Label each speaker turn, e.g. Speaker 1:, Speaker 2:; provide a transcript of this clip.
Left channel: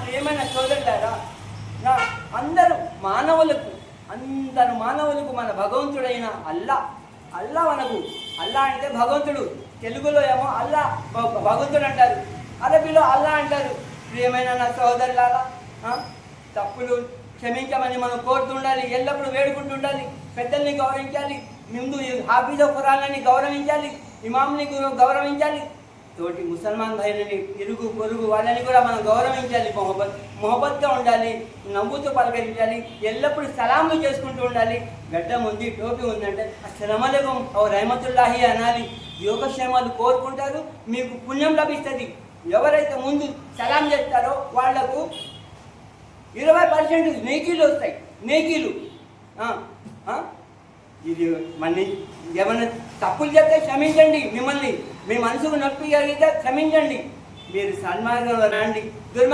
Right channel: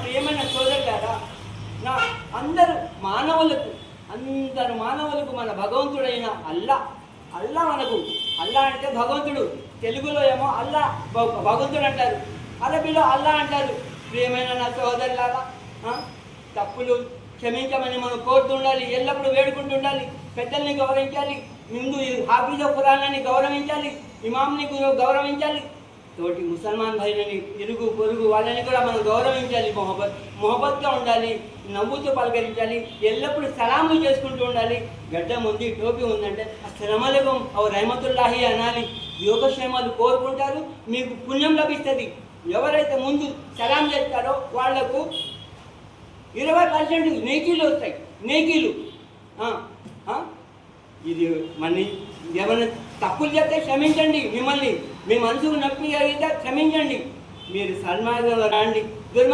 Speaker 1: ప్రియమైన సోదరులారా నా అందరూ మానవులకు అందరు మానవులకు మన భగవంతుడైన అల్లా అల్లా మనకు అల్లా అంటే భగవంతుడు తెలుగులో ఏమో అల్లా భగవంతుడు అంటారు అరబీలో అల్లా అంటారు. ప్రియమైన నా సోదరులారా తప్పులు క్షమించమని మనం కోరుతుండాలి ఎల్లప్పుడూ వేడుకుంటుండాలి పెద్దల్ని గౌరవించాలి ముందు హాఫీజో ఖురానాన్ని గౌరవించాలి ఇమాంని గౌరవించాలి తోటి ముసల్మాన్ భాయిలని ఇరుగు పొరుగు వాళ్ళని కూడా మనం గౌరవించాలి మొహబత్ మొహబత్గా ఉండాలి నవ్వుతూ పలకరించాలి ఎల్లప్పుడూ సలాములు చేసుకుంటూ ఉండాలి. గడ్డం ఉంది టోపీ ఉందంటే అస్సలమలకం ఓ రహమతుల్లాహి అనాలి. యోగక్షేమాలు కోరుకుంటారు మీకు పుణ్యం లభిస్తుంది. ఎవరైతే ముందు సలాం చేస్తారో వాళ్ళకు ఇరవై పర్సెంట్ నేకీలు వస్తాయి. నేకీలు ఇది మళ్ళీ ఏమైనా తప్పులు చేస్తే క్షమించండి మిమ్మల్ని. మీ మనసుకు నొప్పి జరిగితే క్షమించండి. మీరు సన్మార్గంలో రండి. దుర్మార్గం